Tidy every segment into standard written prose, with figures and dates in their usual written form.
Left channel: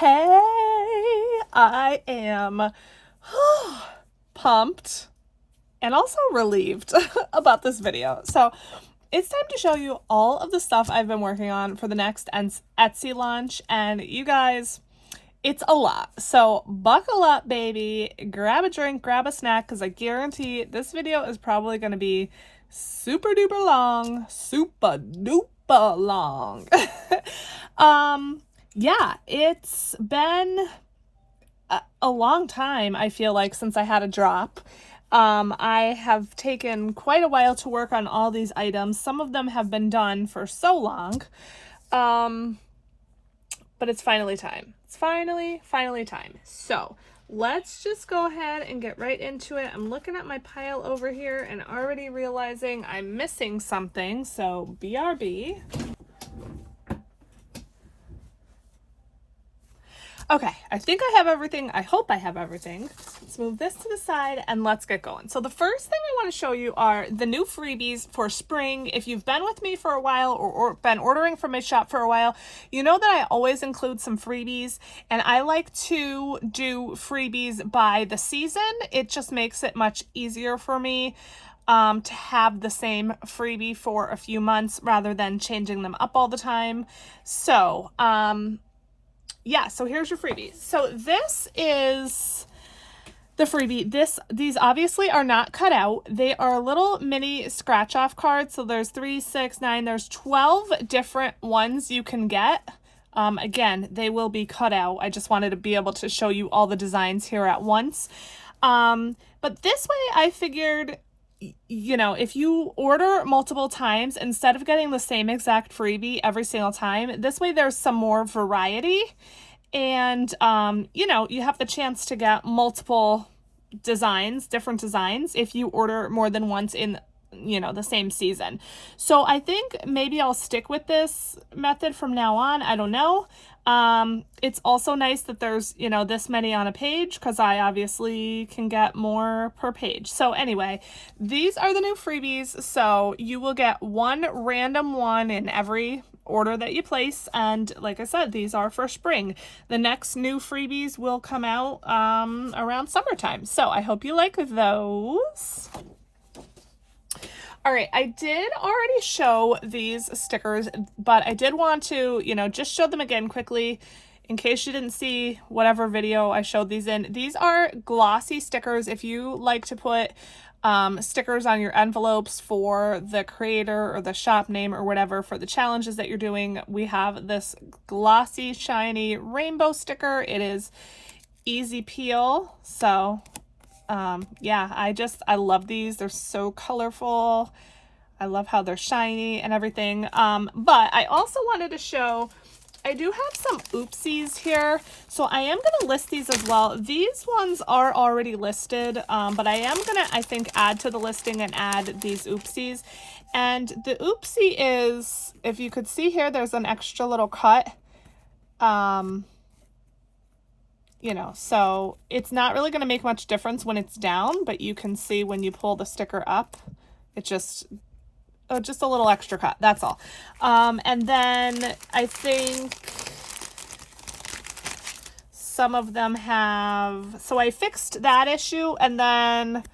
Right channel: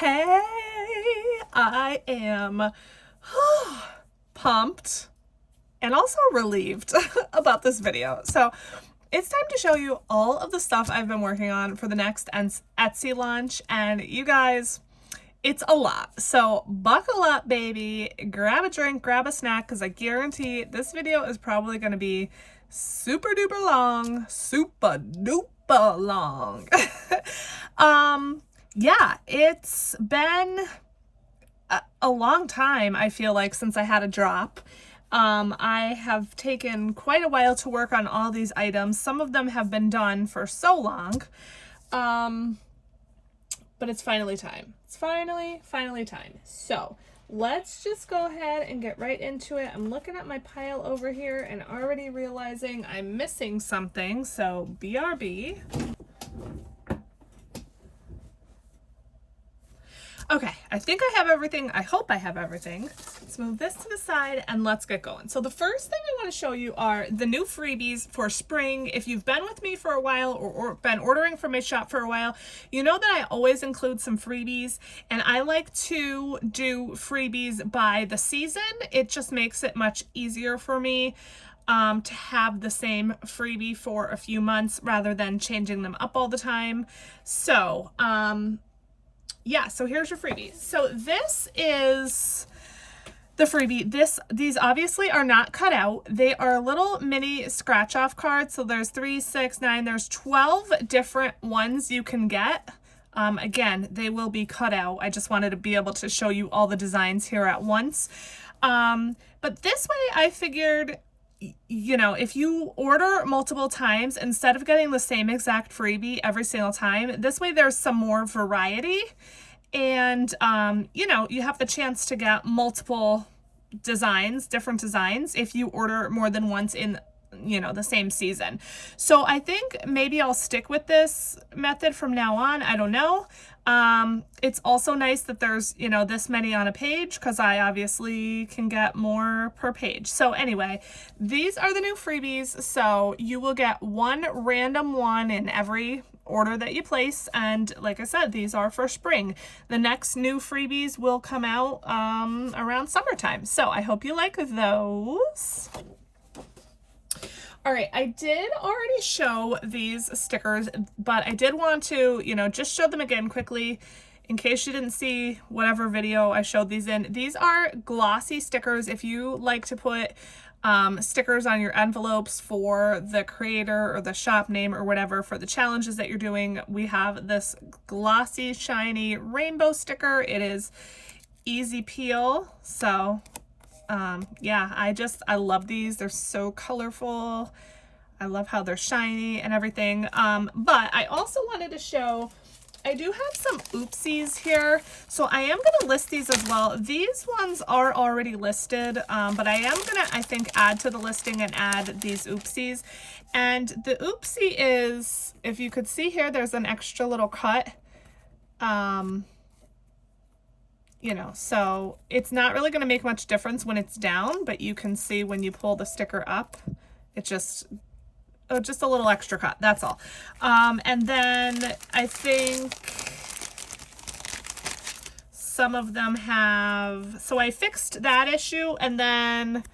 Hey, I am pumped and also relieved about this video. So it's time to show you all of the stuff I've been working on for the next Etsy launch. And you guys, it's a lot. So buckle up, baby. Grab a drink, grab a snack, because I guarantee this video is probably going to be super duper long. Super duper long. Yeah, it's been a long time, I feel like, since I had a drop. I have taken quite a while to work on all these items. Some of them have been done for so long. But it's finally time. It's finally time. So let's just go ahead and get right into it. I'm looking at my pile over here and already realizing I'm missing something. So BRB. Okay, I think I have everything. I hope I have everything. Let's move this to the side and let's get going. So the first thing I want to show you are the new freebies for spring. If you've been with me for a while or been ordering from my shop for a while, you know that I always include some freebies, and I like to do freebies by the season. It just makes it much easier for me to have the same freebie for a few months rather than changing them up all the time. So, yeah, so here's your freebies. So this is the freebie. These obviously are not cut out. They are little mini scratch off cards. So there's 3, 6, 9, there's 12 different ones you can get. Again, they will be cut out. I just wanted to be able to show you all the designs here at once. But this way I figured, you know, if you order multiple times, instead of getting the same exact freebie every single time, this way there's some more variety, and you know, you have the chance to get multiple designs, different designs, if you order more than once in, you know, the same season. So I think maybe I'll stick with this method from now on. I don't know. It's also nice that there's, you know, this many on a page, because I obviously can get more per page. So anyway, these are the new freebies. So you will get one random one in every order that you place. And like I said, these are for spring. The next new freebies will come out around summertime. So I hope you like those. All right, I did already show these stickers, but I did want to, you know, just show them again quickly in case you didn't see whatever video I showed these in. These are glossy stickers. If you like to put stickers on your envelopes for the creator or the shop name or whatever for the challenges that you're doing, we have this glossy, shiny rainbow sticker. It is easy peel. So yeah, I love these. They're so colorful. I love how they're shiny and everything. But I also wanted to show, I do have some oopsies here. So I am going to list these as well. These ones are already listed, but I am going to, I think, add to the listing and add these oopsies. And the oopsie is, if you could see here, there's an extra little cut. You know, so it's not really going to make much difference when it's down, but you can see when you pull the sticker up, it's just a little extra cut. That's all. And then I think some of them have, so I fixed that issue. And then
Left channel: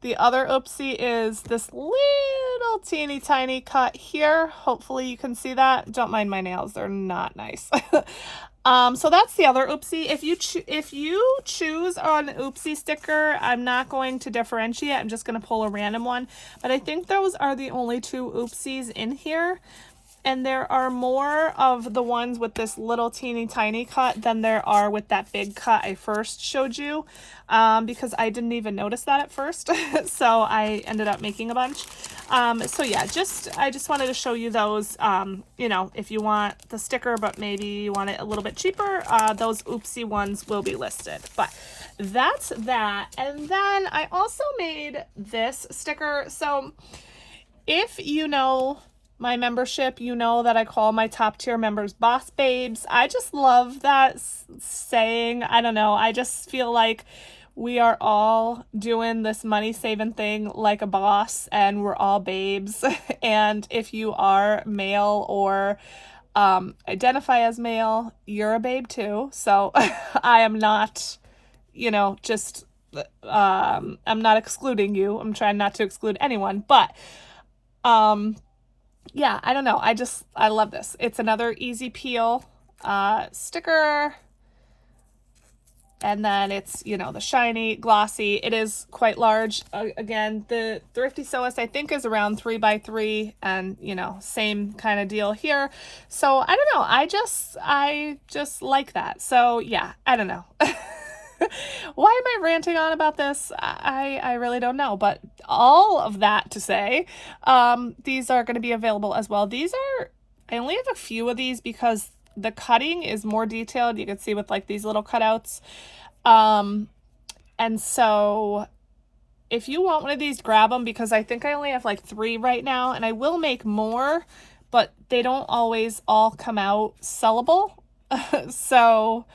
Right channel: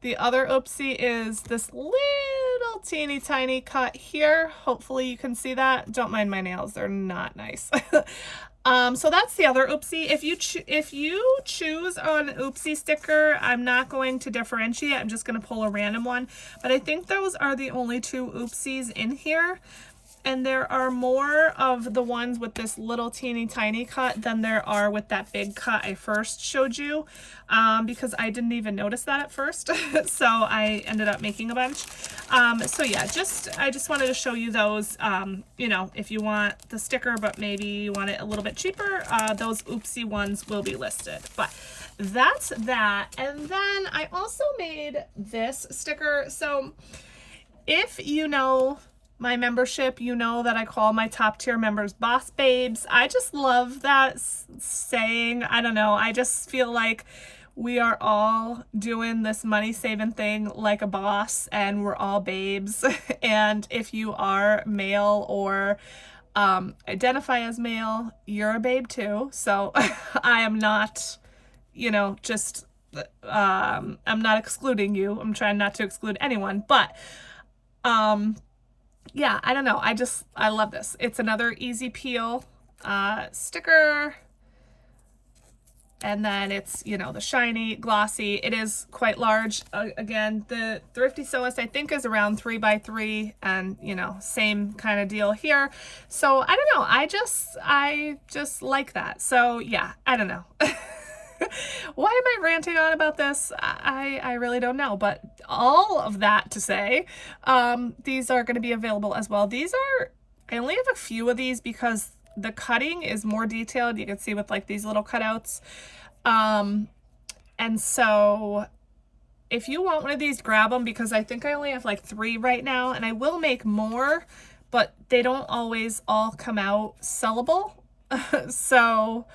the other oopsie is this little teeny tiny cut here. Hopefully you can see that. Don't mind my nails. They're not nice. So that's the other oopsie. If you choose an oopsie sticker, I'm not going to differentiate. I'm just going to pull a random one. But I think those are the only 2 oopsies in here. And there are more of the ones with this little teeny tiny cut than there are with that big cut I first showed you, because I didn't even notice that at first. So I ended up making a bunch. So yeah, I just wanted to show you those. You know, if you want the sticker, but maybe you want it a little bit cheaper, those oopsie ones will be listed. But that's that. And then I also made this sticker. So if you know my membership, you know that I call my top tier members boss babes. I just love that saying. I don't know. I just feel like we are all doing this money saving thing like a boss, and we're all babes. And if you are male or identify as male. You're a babe too. So I am not, you know, just, I'm not excluding you. I'm trying not to exclude anyone, but, yeah, I don't know. I love this. It's another easy peel, sticker. And then it's, you know, the shiny, glossy. It is quite large. Again, the Thrifty Sewist, I think, is around 3x3, and, you know, same kind of deal here. So I don't know. I just like that. So yeah, I don't know. Why am I ranting on about this? I really don't know. But all of that to say, these are going to be available as well. I only have a few of these because the cutting is more detailed. You can see with like these little cutouts. And so if you want one of these, grab them, because I think I only have like 3 right now, and I will make more, but they don't always all come out sellable. So,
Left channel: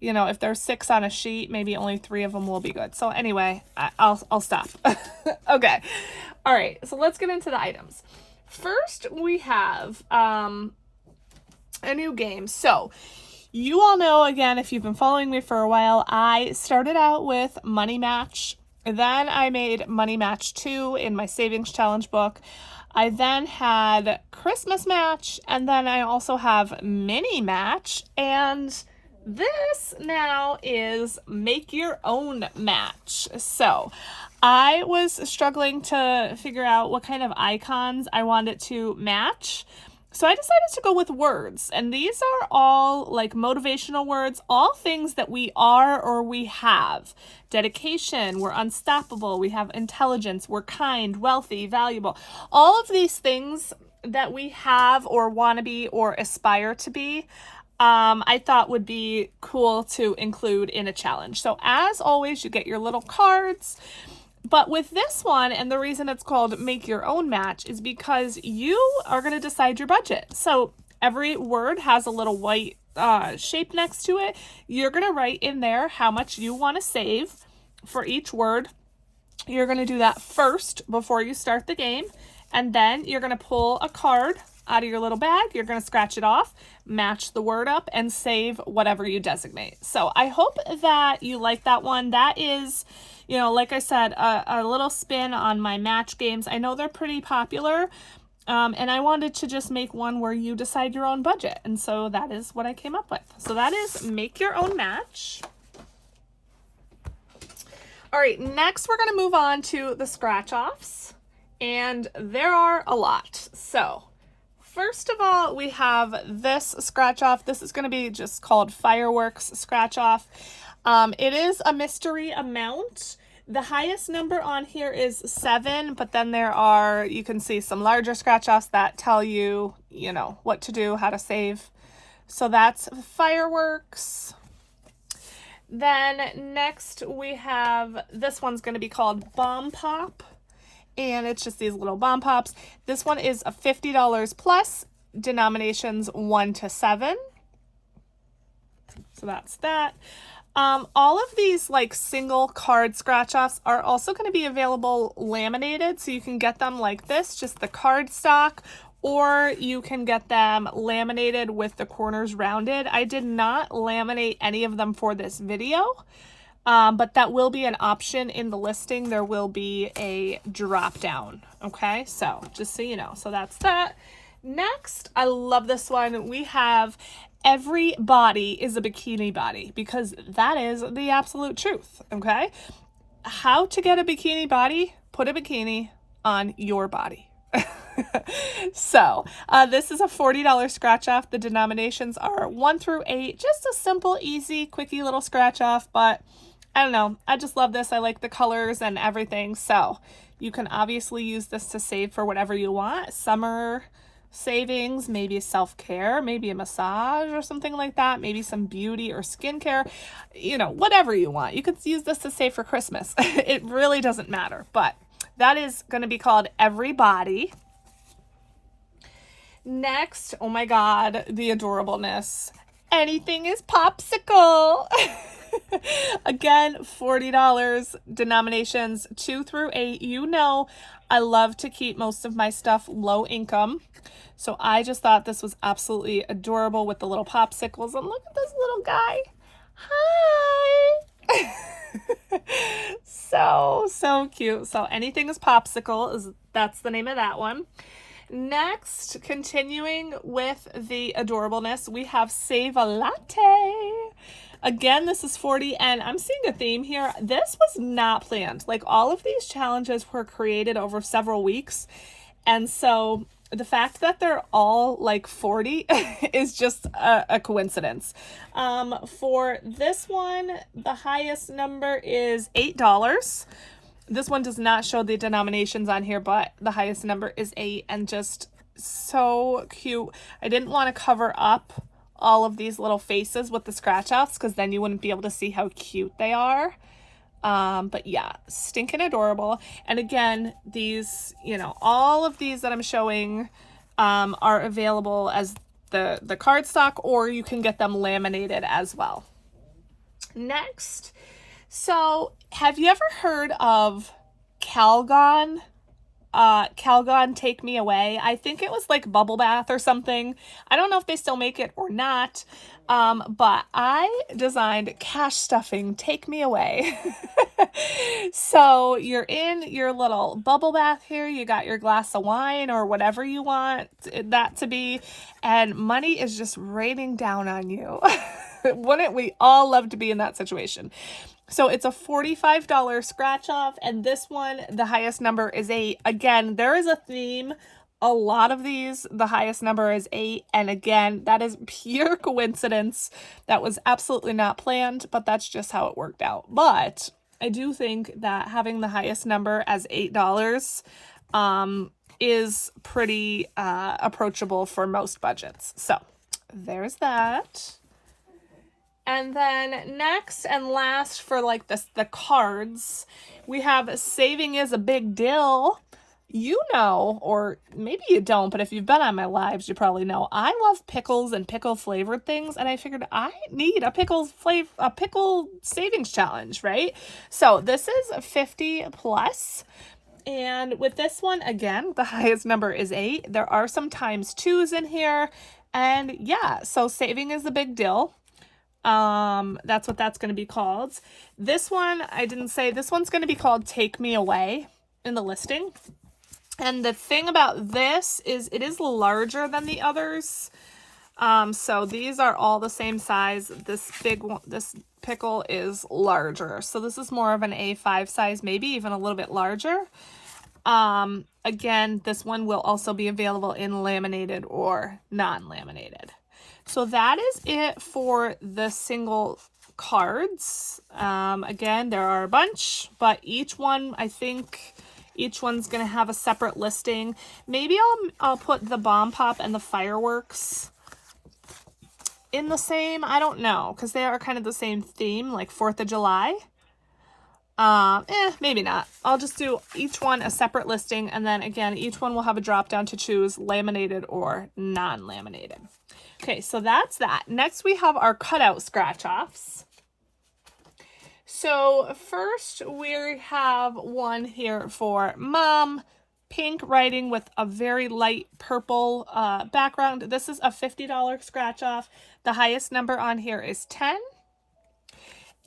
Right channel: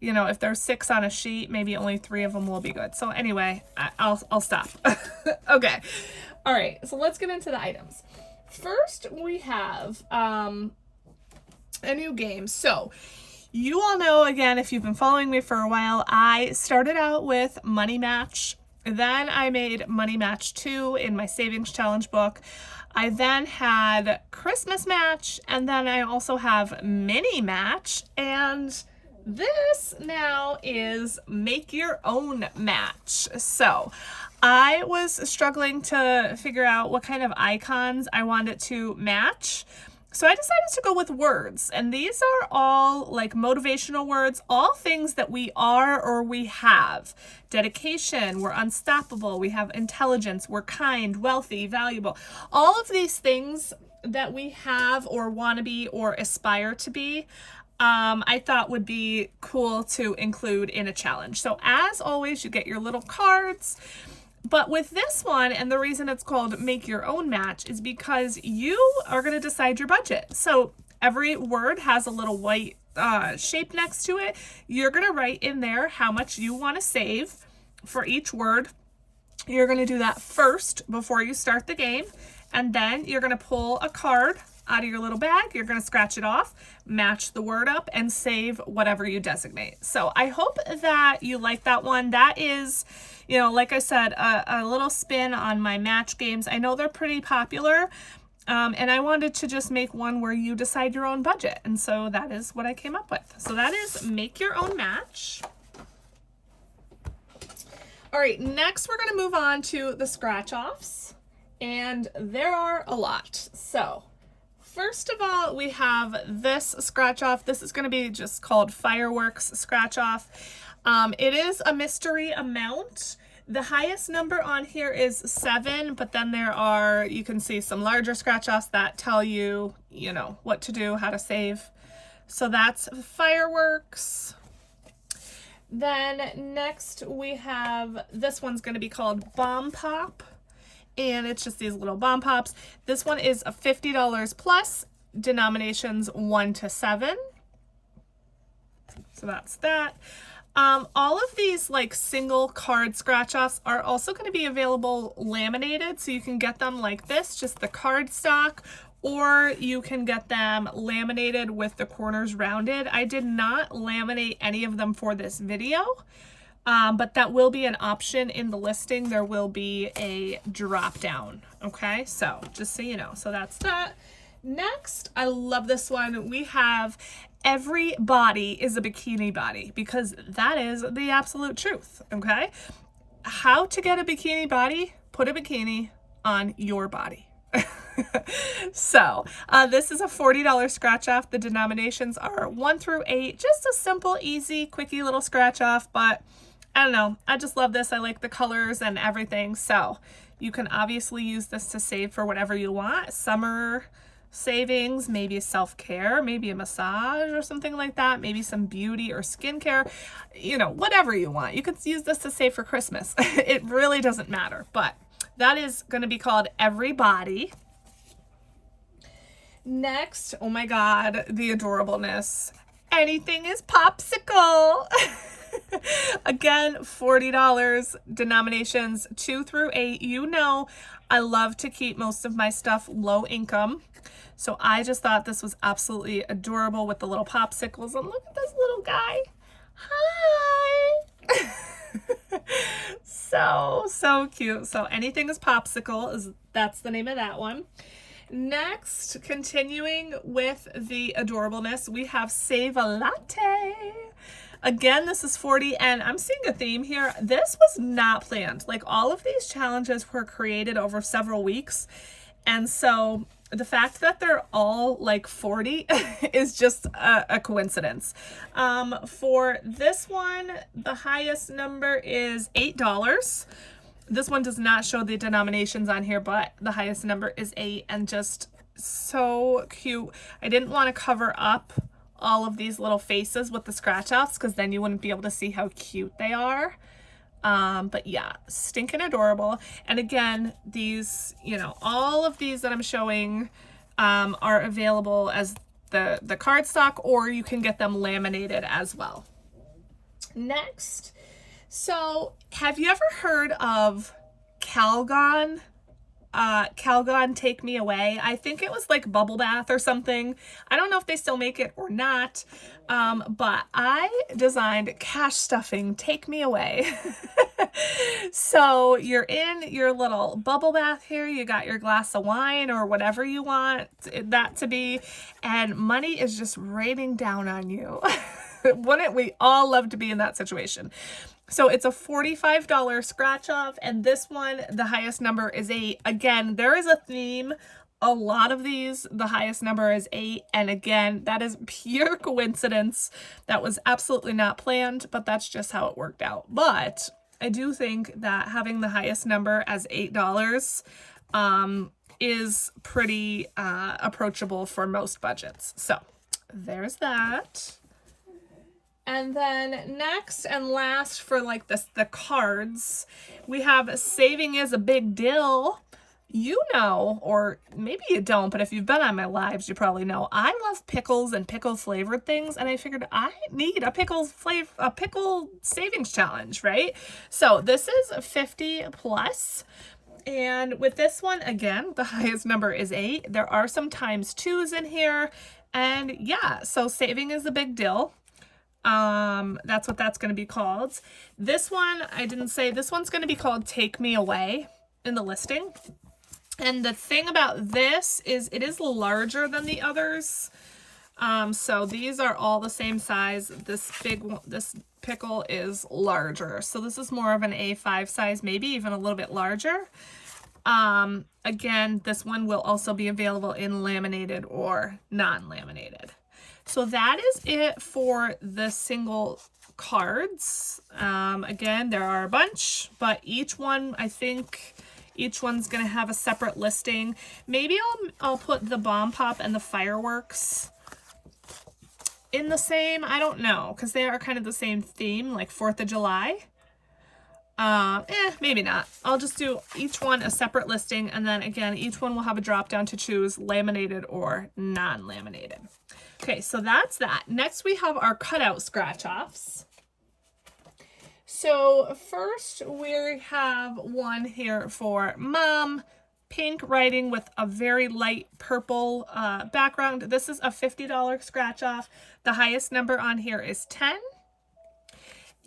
you know, if there's 6 on a sheet, maybe only 3 of them will be good. So anyway, I'll stop. Okay. All right. So let's get into the items. First, we have, a new game. So you all know, again, if you've been following me for a while, I started out with Money Match. Then I made Money Match 2 in my savings challenge book. I then had Christmas Match, and then I also have Mini Match, and this now is Make Your Own Match. So I was struggling to figure out what kind of icons I wanted to match. So I decided to go with words, and these are all like motivational words, all things that we are or we have. Dedication, we're unstoppable, we have intelligence, we're kind, wealthy, valuable. All of these things that we have or want to be or aspire to be, I thought would be cool to include in a challenge. So as always, you get your little cards. But with this one, and the reason it's called Make Your Own Match is because you are going to decide your budget. So every word has a little white shape next to it. You're going to write in there how much you want to save for each word. You're going to do that first before you start the game. And then you're going to pull a card out of your little bag. You're going to scratch it off, match the word up, and save whatever you designate. So I hope that you like that one. That is, you know, like I said, a little spin on my match games. I know they're pretty popular, and I wanted to just make one where you decide your own budget. And so that is what I came up with. So that is Make Your Own Match. All right, next we're going to move on to the scratch-offs, and there are a lot. So first of all, we have this scratch-off. This is going to be just called Fireworks Scratch-Off. It is a mystery amount. The highest number on here is 7, but then there are, you can see some larger scratch-offs that tell you, you know, what to do, how to save. So that's fireworks. Then next we have, this one's going to be called Bomb Pop, and it's just these little bomb pops. This one is a $50 plus, denominations 1 to 7. So that's that. All of these like single card scratch offs are also going to be available laminated, so you can get them like this, just the card stock, or you can get them laminated with the corners rounded. I did not laminate any of them for this video, but that will be an option in the listing. There will be a drop down. Okay, so just so you know. So that's that. Next, I love this one. We have Every Body is a Bikini Body, because that is the absolute truth. Okay, how to get a bikini body? Put a bikini on your body. So this is a $40 scratch off. The denominations are 1 through 8. Just a simple, easy, quickie little scratch off, but I don't know. I just love this. I like the colors and everything. So you can obviously use this to save for whatever you want. Summer savings, maybe self-care, maybe a massage or something like that, maybe some beauty or skincare, you know, whatever you want. You could use this to save for Christmas. It really doesn't matter, but that is going to be called Every Body. Next, oh my God, the adorableness. Anything is popsicle. Again, $40, denominations 2 through 8. You know, I love to keep most of my stuff low income. So I just thought this was absolutely adorable with the little popsicles. And look at this little guy. Hi. So cute. So anything is popsicle, that's the name of that one. Next, continuing with the adorableness, we have Save a Latte. Again, this is 40, and I'm seeing a theme here. This was not planned. Like, all of these challenges were created over several weeks, and so the fact that they're all like 40 is just a coincidence. For this one, the highest number is $8. This one does not show the denominations on here, but the highest number is 8, and just so cute. I didn't want to cover up all of these little faces with the scratch offs because then you wouldn't be able to see how cute they are. But yeah, stinking adorable. And again, these, you know, all of these that I'm showing are available as the cardstock, or you can get them laminated as well. Next, so have you ever heard of Calgon? Calgon Take Me Away. I think it was like Bubble Bath or something. I don't know if they still make it or not, but I designed Cash Stuffing Take Me Away. So you're in your little bubble bath here, you got your glass of wine or whatever you want that to be, and money is just raining down on you. Wouldn't we all love to be in that situation? So it's a $45 scratch off, and this one, the highest number is 8. Again, there is a theme. A lot of these, the highest number is 8, and again, that is pure coincidence. That was absolutely not planned, but that's just how it worked out. But I do think that having the highest number as $8 is pretty approachable for most budgets. So there's that. And then next and last for like the cards, we have Saving is a Big Deal. You know, or maybe you don't, but if you've been on my lives, you probably know I love pickles and pickle flavored things, and I figured I need a pickle savings challenge, right? So this is 50 plus. And with this one, again, the highest number is 8. There are some times 2s in here. And yeah, so Saving is a Big Deal. That's what that's going to be called. This one, I didn't say, this one's going to be called Take Me Away in the listing. And the thing about this is it is larger than the others. So these are all the same size. This big one, this pickle is larger. So this is more of an A5 size, maybe even a little bit larger. Again, this one will also be available in laminated or non-laminated. So that is it for the single cards. Again, there are a bunch, but each one, I think each one's going to have a separate listing. Maybe I'll put the Bomb Pop and the fireworks in the same, I don't know, because they are kind of the same theme, like 4th of July. Maybe not. I'll just do each one a separate listing, and then again, each one will have a drop down to choose laminated or non-laminated. Okay, so that's that. Next, we have our cutout scratch offs. So first we have one here for Mom, pink writing with a very light purple background. This is a $50 scratch off. The highest number on here is 10.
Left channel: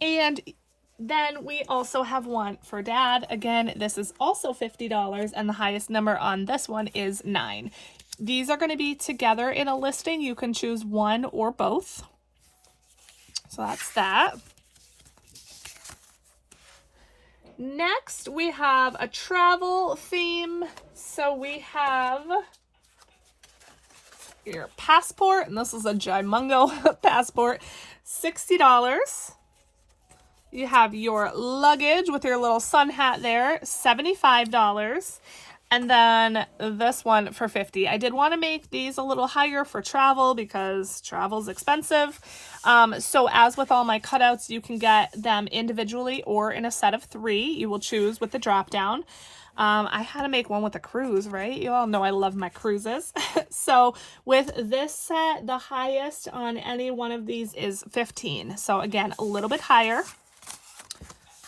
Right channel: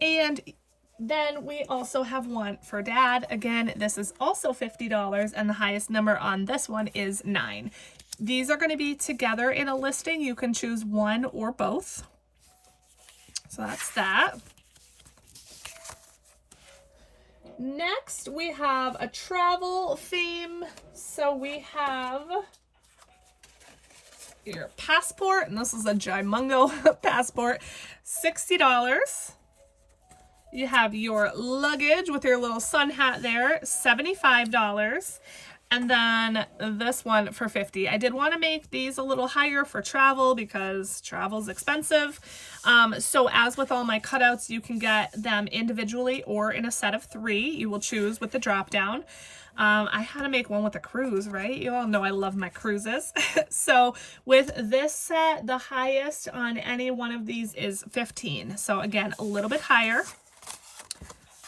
And then we also have one for Dad. Again, this is also $50, and the highest number on this one is 9. These are going to be together in a listing. You can choose one or both. So that's that. Next, we have a travel theme. So we have your passport, and this is a Jimungo passport, $60. You have your luggage with your little sun hat there, $75. And then this one for $50. I did want to make these a little higher for travel because travel's expensive. So as with all my cutouts, you can get them individually or in a set of 3. You will choose with the drop down. I had to make one with a cruise, right? You all know I love my cruises. So with this set, the highest on any one of these is 15. So again, a little bit higher.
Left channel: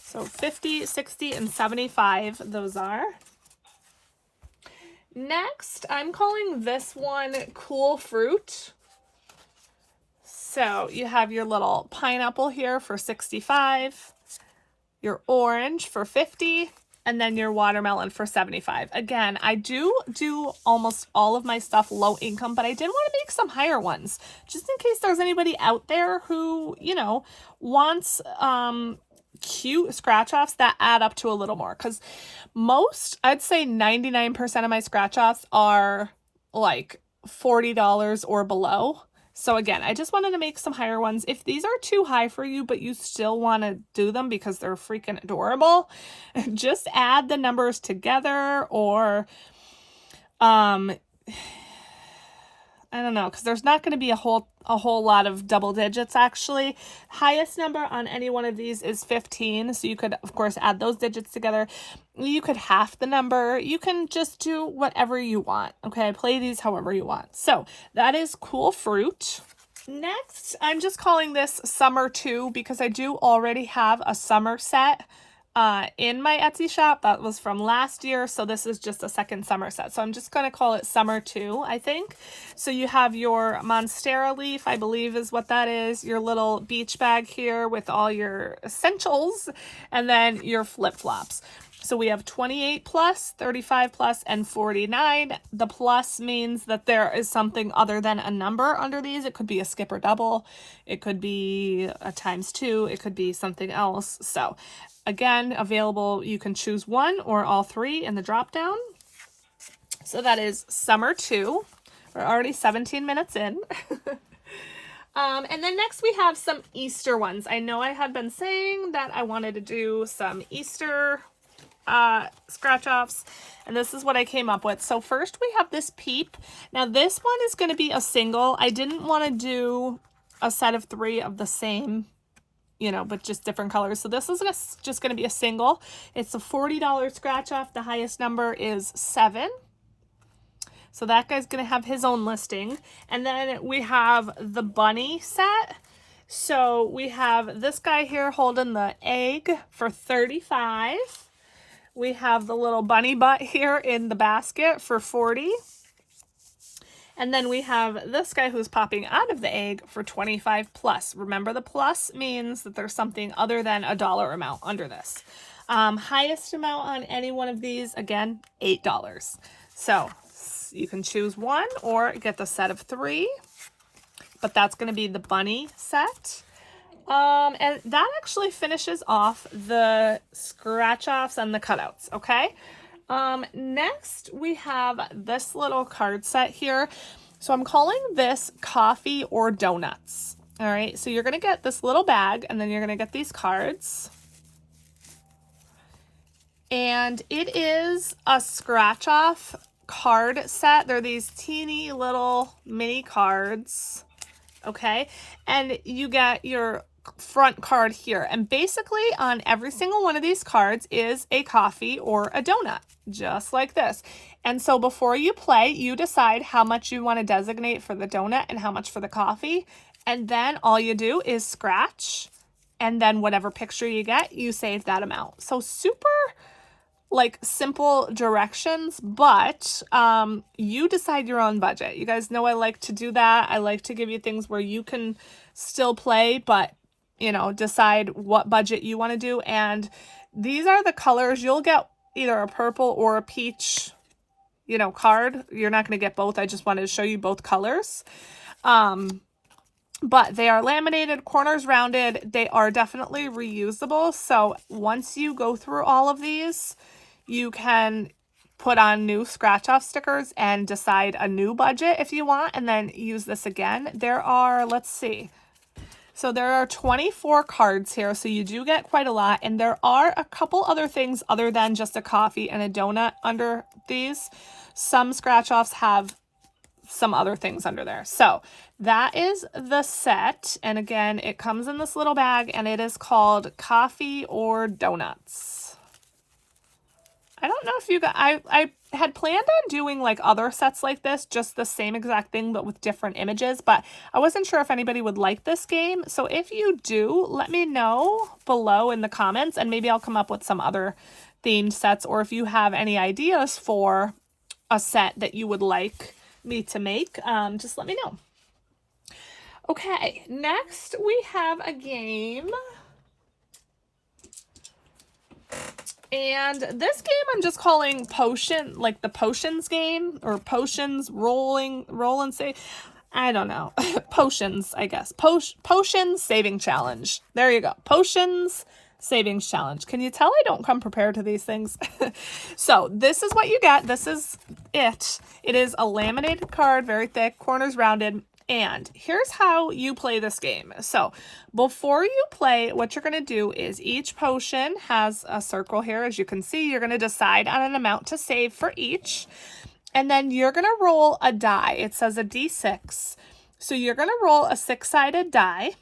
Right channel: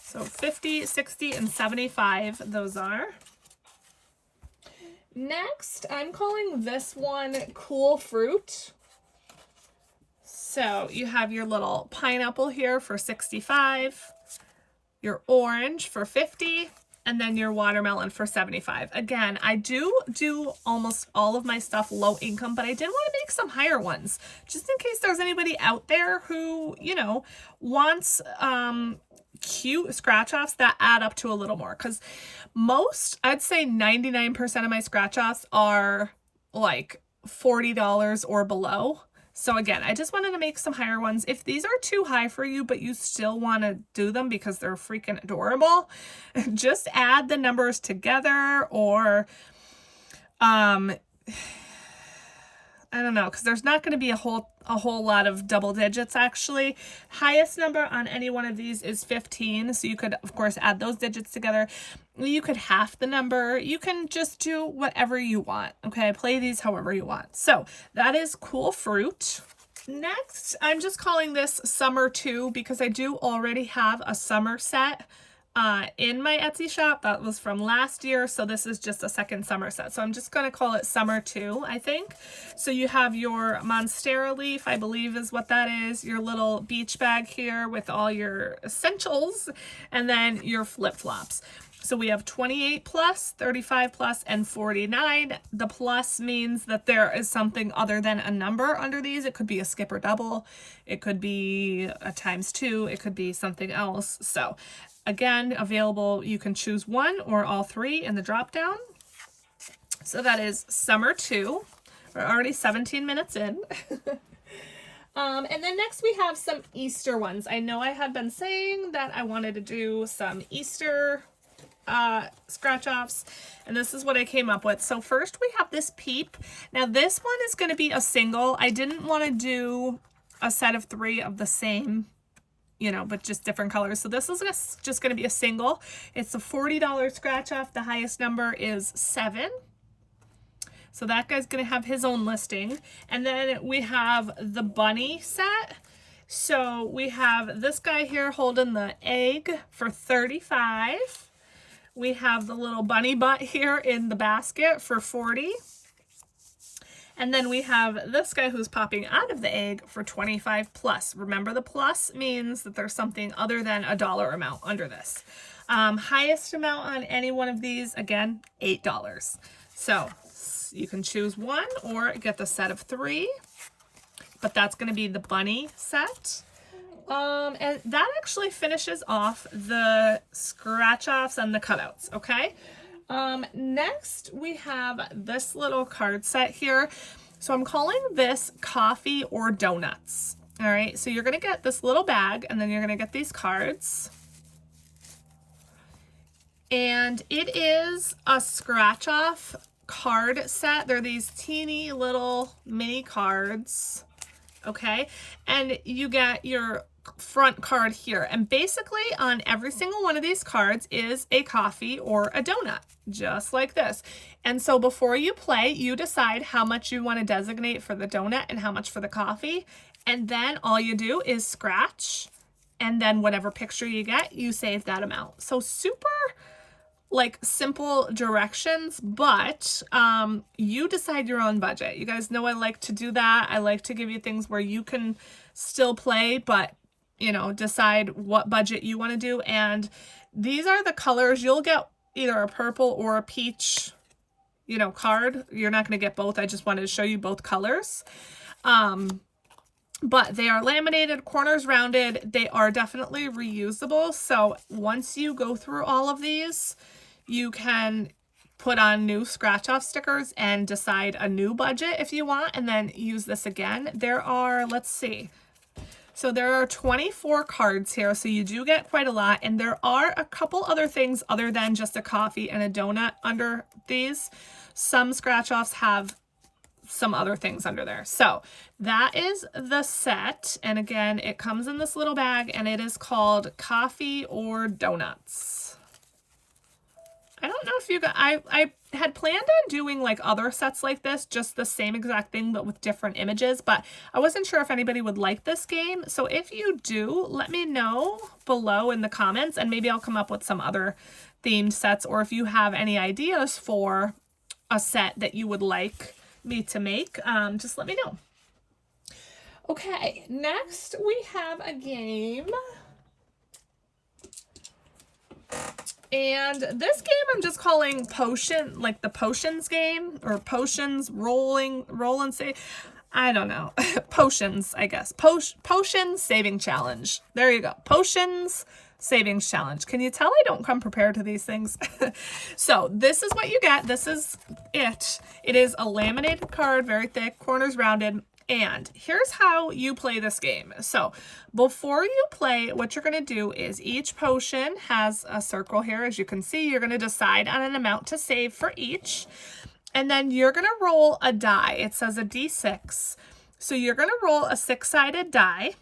So 50, 60, and 75, those are. Next, I'm calling this one Cool Fruit. So you have your little pineapple here for 65, your orange for 50, and then your watermelon for 75. Again, I do almost all of my stuff low income, but I did want to make some higher ones just in case there's anybody out there who, you know, wants cute scratch offs that add up to a little more, because most, I'd say 99% of my scratch offs are like $40 or below. So again, I just wanted to make some higher ones. If these are too high for you, but you still want to do them because they're freaking adorable, just add the numbers together, or I don't know, because there's not going to be a whole lot of double digits actually. Highest number on any one of these is 15, so you could of course add those digits together. You could half the number. You can just do whatever you want. Okay, play these however you want. So that is Cool Fruit. Next, I'm just calling this Summer 2 because I do already have a summer set in my Etsy shop. That was from last year, so this is just a second summer set. So I'm just going to call it Summer 2, I think. So you have your Monstera leaf, I believe is what that is, your little beach bag here with all your essentials, and then your flip-flops. So we have 28 plus, 35 plus, and 49. The plus means that there is something other than a number under these. It could be a skip or double. It could be a ×2. It could be something else. So again, available, you can choose one or all three in the drop down. So that is Summer 2. We're already 17 minutes in. And then next we have some Easter ones. I know I had been saying that I wanted to do some Easter scratch offs, and this is what I came up with. So first we have this Peep. Now this one is going to be a single. I didn't want to do a set of 3 of the same, you know, but just different colors. So this is just going to be a single. It's a $40 scratch off. The highest number is 7. So that guy's going to have his own listing. And then we have the bunny set. So we have this guy here holding the egg for 35. We have the little bunny butt here in the basket for 40. And then we have this guy who's popping out of the egg for 25 plus. Remember, the plus means that there's something other than a dollar amount under this. Highest amount on any one of these, again, $8. So you can choose one or get the set of 3. But that's going to be the bunny set. And that actually finishes off the scratch offs and the cutouts, okay? Next we have this little card set here. So I'm calling this Coffee or Donuts. All right, so you're gonna get this little bag and then you're gonna get these cards. And it is a scratch off card set. They're these teeny little mini cards, okay? And you get your front card here, and basically on every single one of these cards is a coffee or a donut, just like this. And so before you play, you decide how much you want to designate for the donut and how much for the coffee, and then all you do is scratch, and then whatever picture you get, you save that amount. So super like simple directions, but you decide your own budget. You guys know I like to do that. I like to give you things where you can still play, but you know, decide what budget you want to do. And these are the colors. You'll get either a purple or a peach, you know, card. You're not going to get both. I just wanted to show you both colors. But they are laminated, corners rounded. They are definitely reusable. So once you go through all of these, you can put on new scratch off stickers and decide a new budget if you want, and then use this again. There are, let's see. So there are 24 cards here, so you do get quite a lot, and there are a couple other things other than just a coffee and a donut under these. Some scratch offs have some other things under there. So that is the set, and again, it comes in this little bag, and it is called Coffee or Donuts. I don't know if you got, I had planned on doing like other sets like this, just the same exact thing, but with different images, but I wasn't sure if anybody would like this game. So if you do, let me know below in the comments, and maybe I'll come up with some other themed sets, or if you have any ideas for a set that you would like me to make, just let me know. Okay, next we have a game. And this game I'm just calling Potion, like the Potions game, or Potions roll and save. I don't know. Potions, I guess. Potions saving challenge. There you go. Potions savings challenge. Can you tell I don't come prepared to these things? So this is what you get. This is it. It is a laminated card, very thick, corners rounded. And here's how you play this game. So before you play, what you're going to do is each potion has a circle here. As you can see, you're going to decide on an amount to save for each. And then you're going to roll a die. It says a D6. So you're going to roll a 6-sided die.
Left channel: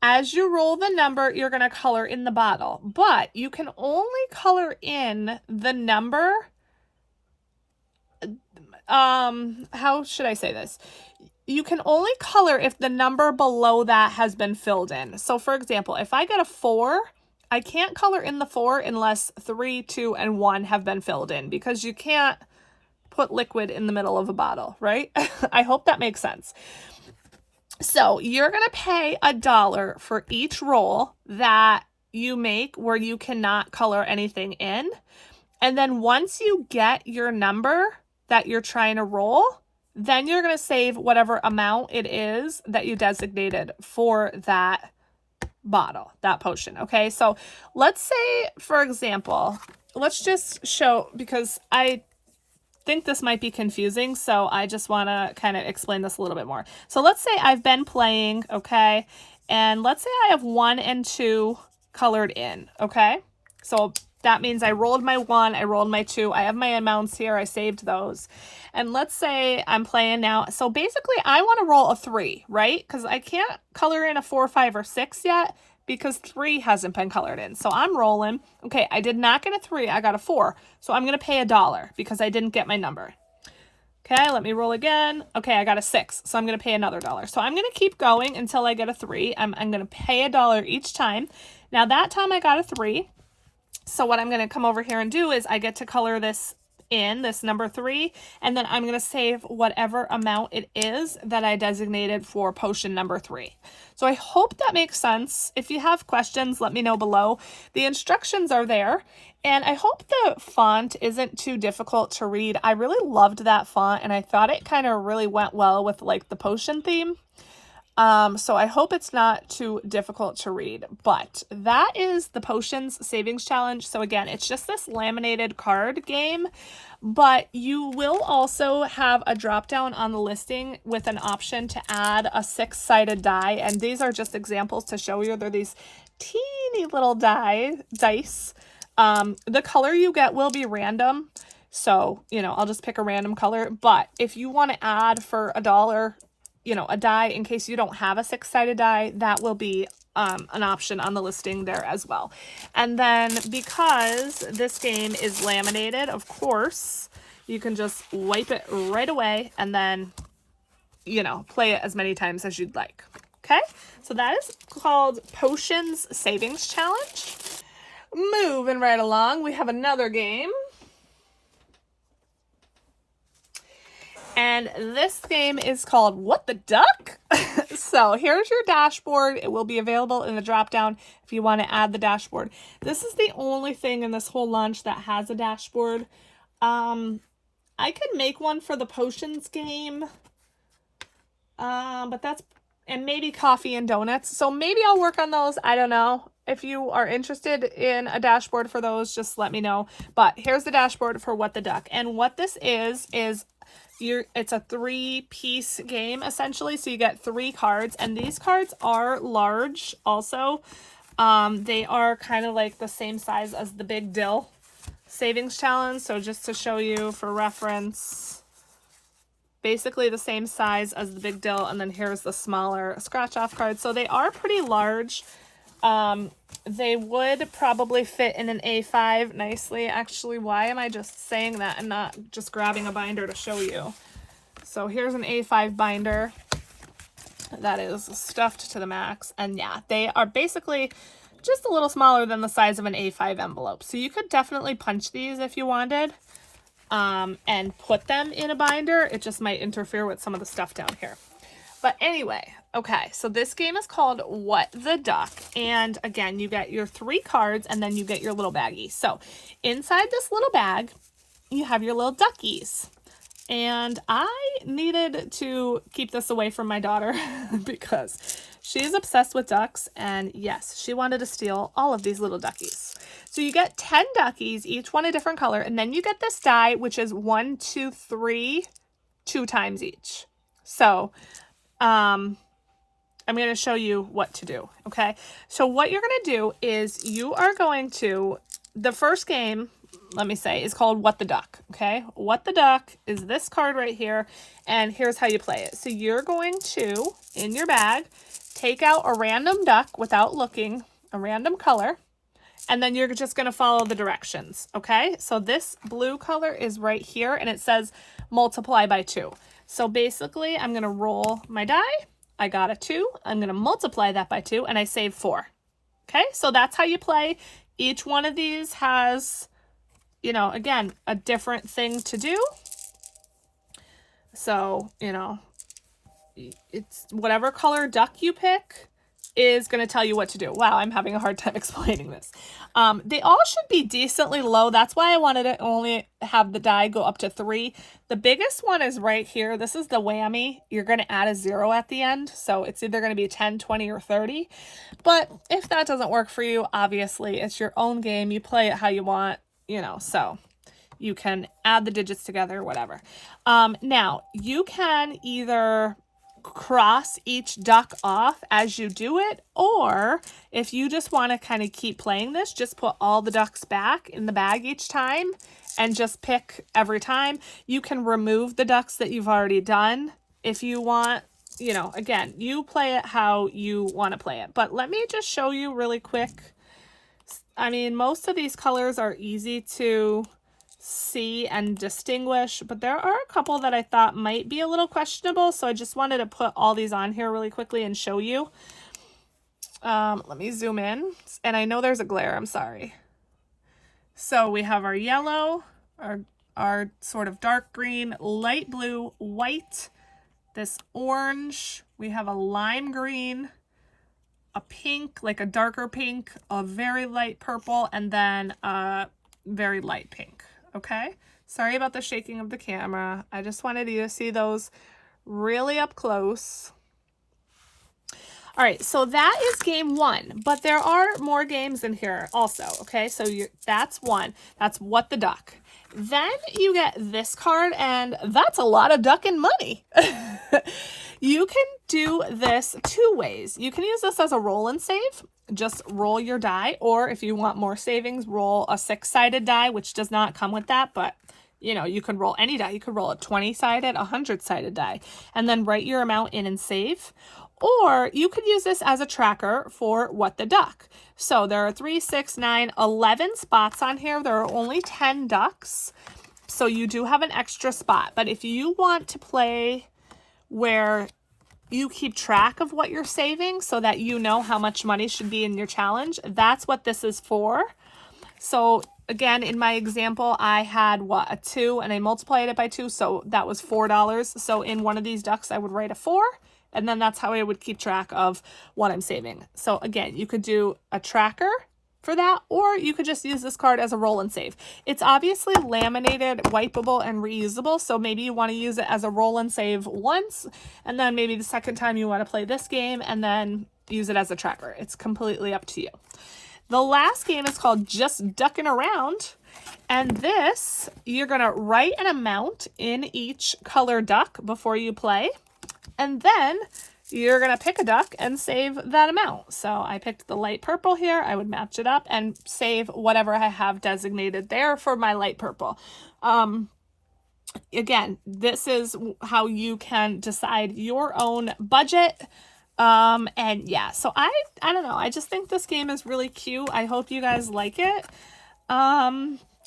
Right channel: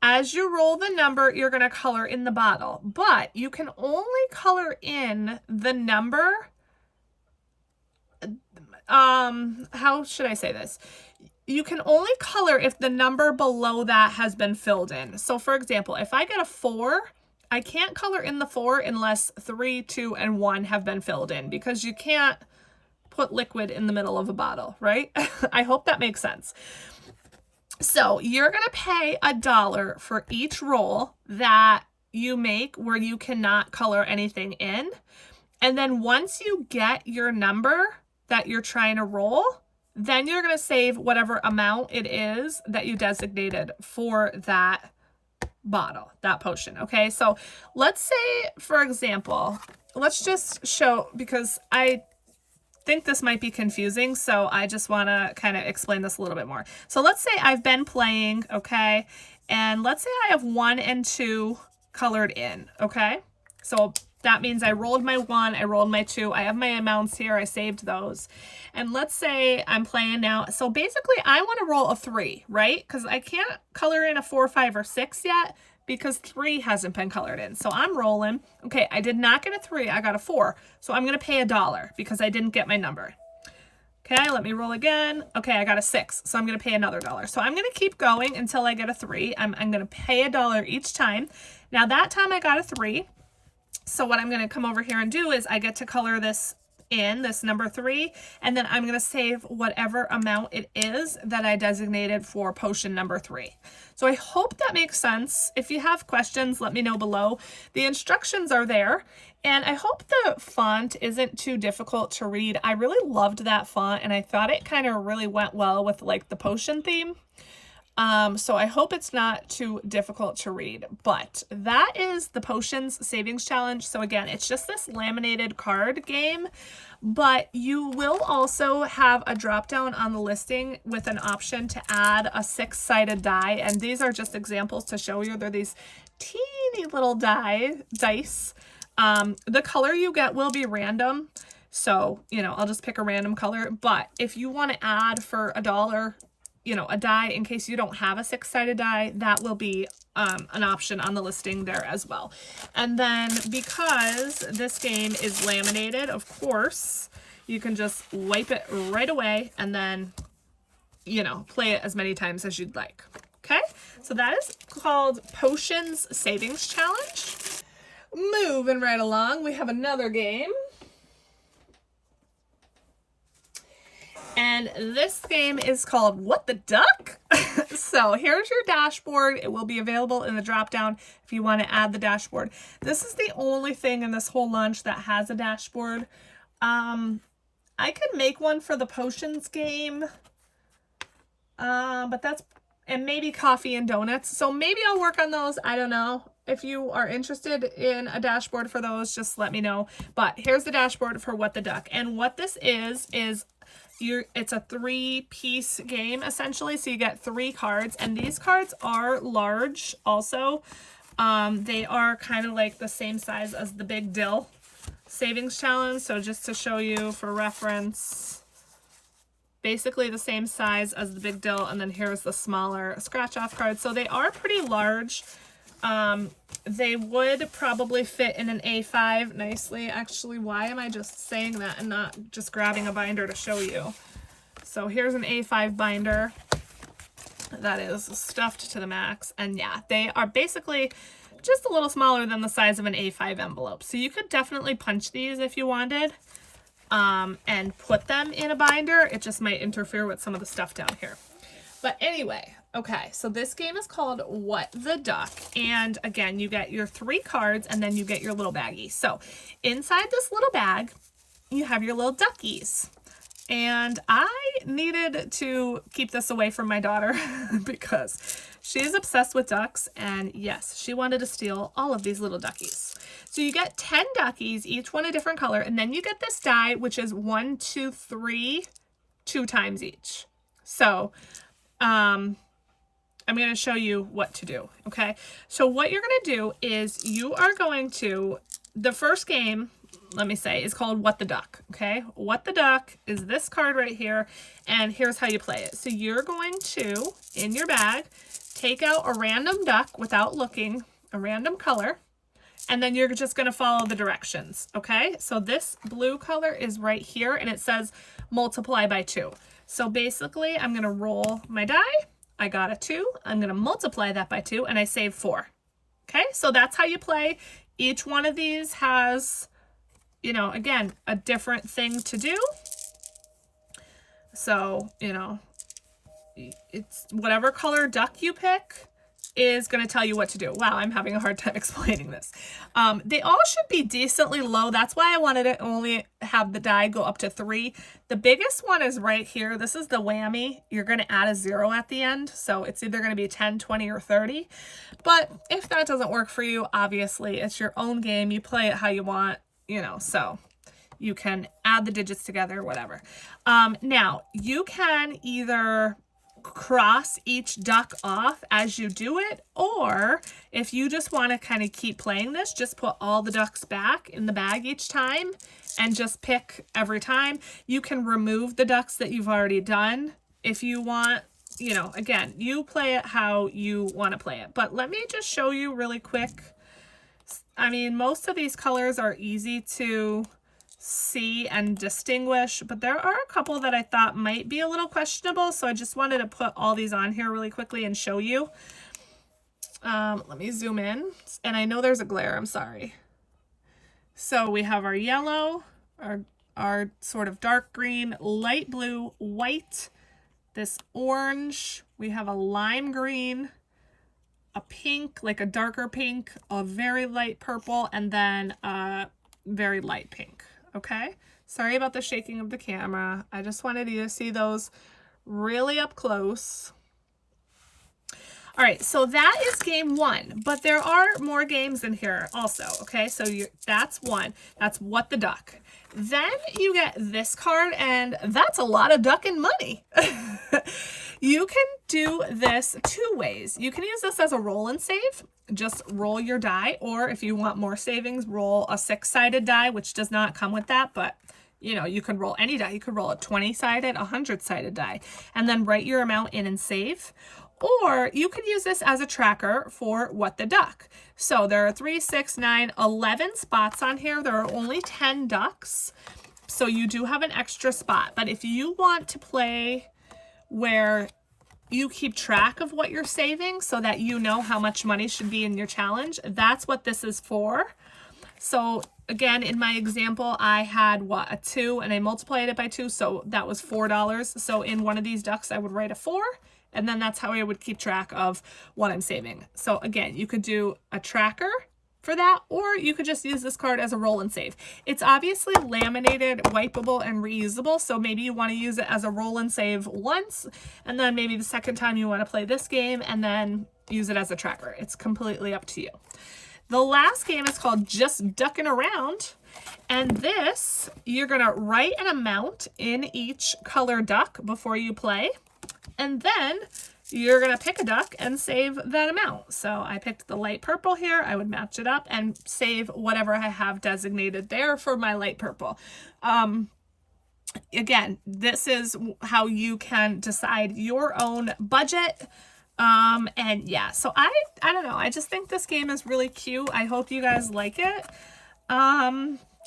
As you roll the number, you're going to color in the bottle. But you can only color in the number. How should I say this? You can only color if the number below that has been filled in. So for example, if I get a 4, I can't color in the 4 unless 3, 2, and 1 have been filled in, because you can't put liquid in the middle of a bottle, right? I hope that makes sense. So you're going to pay $1 for each roll that you make where you cannot color anything in. And then once you get your number that you're trying to roll, then you're going to save whatever amount it is that you designated for that bottle, that potion. Okay, so let's say, for example, let's just show, because I think this might be confusing, so I just want to kind of explain this a little bit more. So let's say I've been playing, okay, and let's say I have 1 and 2 colored in, okay? So that means I rolled my 1, I rolled my 2, I have my amounts here, I saved those. And let's say I'm playing now. So basically I want to roll a 3, right? Because I can't color in a 4, 5, or 6 yet because 3 hasn't been colored in. So I'm rolling. Okay, I did not get a 3, I got a 4. So I'm going to pay $1 because I didn't get my number. Okay, let me roll again. Okay, I got a 6, so I'm going to pay another $1. So I'm going to keep going until I get a 3. I'm going to pay $1 each time. Now that time I got a 3. So what I'm going to come over here and do is I get to color this in, this number 3, and then I'm going to save whatever amount it is that I designated for potion number 3. So I hope that makes sense. If you have questions, let me know below. The instructions are there, and I hope the font isn't too difficult to read. I really loved that font, and I thought it kind of really went well with like the potion theme. So I hope it's not too difficult to read, but that is the Potions Savings Challenge. So again, it's just this laminated card game, but you will also have a drop down on the listing with an option to add a 6-sided die. And these are just examples to show you. They're these teeny little dice. The color you get will be random. So, you know, I'll just pick a random color, but if you want to add for $1, you know, a die in case you don't have a 6-sided die, that will be an option on the listing there as well. And then because this game is laminated, of course, you can just wipe it right away and then, you know, play it as many times as you'd like. Okay, so that is called Potions Savings Challenge. Moving right along, we have another game. And this game is called What the Duck? So here's your dashboard. It will be available in the drop down if you want to add the dashboard. This is the only thing in this whole launch that has a dashboard. I could make one for the potions game. But that's, and maybe coffee and donuts. So maybe I'll work on those. I don't know. If you are interested in a dashboard for those, just let me know. But here's the dashboard for What the Duck. And what this is it's a 3-piece game essentially. So you get 3 cards, and these cards are large also. They are kind of like the same size as the Big Dill Savings Challenge. So just to show you for reference, basically the same size as the Big Dill, and then here's the smaller scratch off card. So they are pretty large. They would probably fit in an A5 nicely. Actually, why am I just saying that and not just grabbing a binder to show you? So here's an A5 binder that is stuffed to the max. And yeah, they are basically just a little smaller than the size of an A5 envelope. So you could definitely punch these if you wanted. and put them in a binder. It just might interfere with some of the stuff down here. But anyway, okay, so this game is called What the Duck. And again, you get your 3 cards and then you get your little baggie. So inside this little bag, you have your little duckies. And I needed to keep this away from my daughter because she's obsessed with ducks. And yes, she wanted to steal all of these little duckies. So you get 10 duckies, each one a different color. And then you get this die, which is 1, 2, 3, 2 times each. So I'm going to show you what to do. Okay. So what you're going to do is you are going to, the first game, let me say, is called What the Duck. Okay. What the Duck is this card right here. And here's how you play it. So you're going to, in your bag, take out a random duck without looking, a random color, and then you're just going to follow the directions. Okay. So this blue color is right here and it says multiply by 2. So basically I'm going to roll my die. I got a 2. I'm going to multiply that by 2 and I save 4. Okay. So that's how you play. Each one of these has, you know, again, a different thing to do. So, you know, it's whatever color duck you pick is going to tell you what to do. Wow, I'm having a hard time explaining this. They all should be decently low. That's why I wanted to only have the die go up to 3. The biggest one is right here. This is the whammy. You're going to add a 0 at the end. So it's either going to be 10, 20, or 30. But if that doesn't work for you, obviously it's your own game. You play it how you want, you know, so you can add the digits together, whatever. Now, you can either cross each duck off as you do it, or if you just want to kind of keep playing this, just put all the ducks back in the bag each time and just pick every time. You can remove the ducks that you've already done if you want. You know, again, you play it how you want to play it. But let me just show you really quick. I mean, most of these colors are easy to see and distinguish, but there are a couple that I thought might be a little questionable, so I just wanted to put all these on here really quickly and show you. Let me zoom in, and I know there's a glare, I'm sorry. So we have our yellow, our sort of dark green, light blue, white, this orange, we have a lime green, a pink, like a darker pink, a very light purple, and then a very light pink. Okay, sorry about the shaking of the camera. I just wanted you to see those really up close. All right, so that is game 1, but there are more games in here also. Okay, so that's 1. That's What the Duck. Then you get this card, and that's a lot of duck and money. You can do this 2 ways. You can use this as a roll and save. Just roll your die, or if you want more savings, roll a 6-sided die, which does not come with that, but you know, you can roll any die. You could roll a 20-sided, 100-sided die, and then write your amount in and save. Or you could use this as a tracker for What the Duck. So there are 3, 6, 9, 11 spots on here. There are only 10 ducks. So you do have an extra spot. But if you want to play where you keep track of what you're saving so that you know how much money should be in your challenge, that's what this is for. So again, in my example, I had what, a 2, and I multiplied it by 2, so that was $4. So in one of these ducks, I would write a 4, and then that's how I would keep track of what I'm saving. So again, you could do a tracker for that, or you could just use this card as a roll and save. It's obviously laminated, wipeable, and reusable, so maybe you want to use it as a roll and save once, and then maybe the second time you want to play this game, and then use it as a tracker. It's completely up to you. The last game is called Just Ducking Around, and this, you're going to write an amount in each color duck before you play, and then you're going to pick a duck and save that amount. So I picked the light purple here. I would match it up and save whatever I have designated there for my light purple. Again, this is how you can decide your own budget. And yeah, so I don't know. I just think this game is really cute. I hope you guys like it.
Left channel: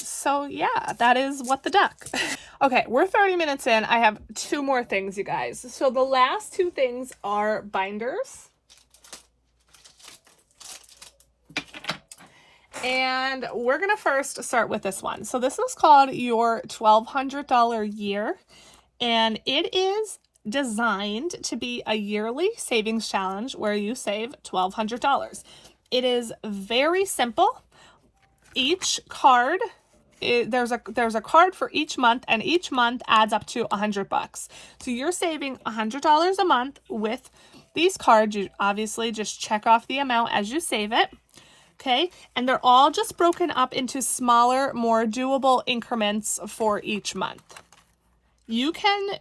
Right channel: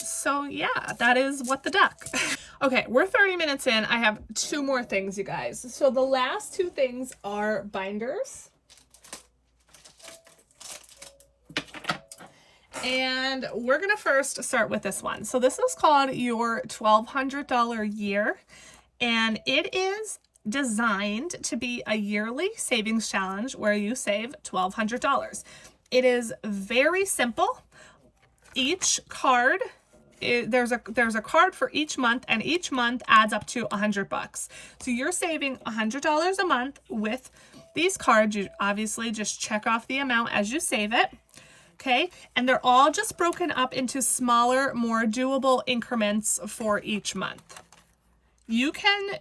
So yeah, that is What the Duck. Okay, we're 30 minutes in. I have 2 more things, you guys. So the last 2 things are binders. And we're going to first start with this one. So this is called your $1,200 year, and it is designed to be a yearly savings challenge where you save $1,200. It is very simple. Each card, there's a card for each month, and each month adds up to $100. So you're saving $100 a month with these cards. You obviously just check off the amount as you save it. Okay, and they're all just broken up into smaller, more doable increments for each month. You can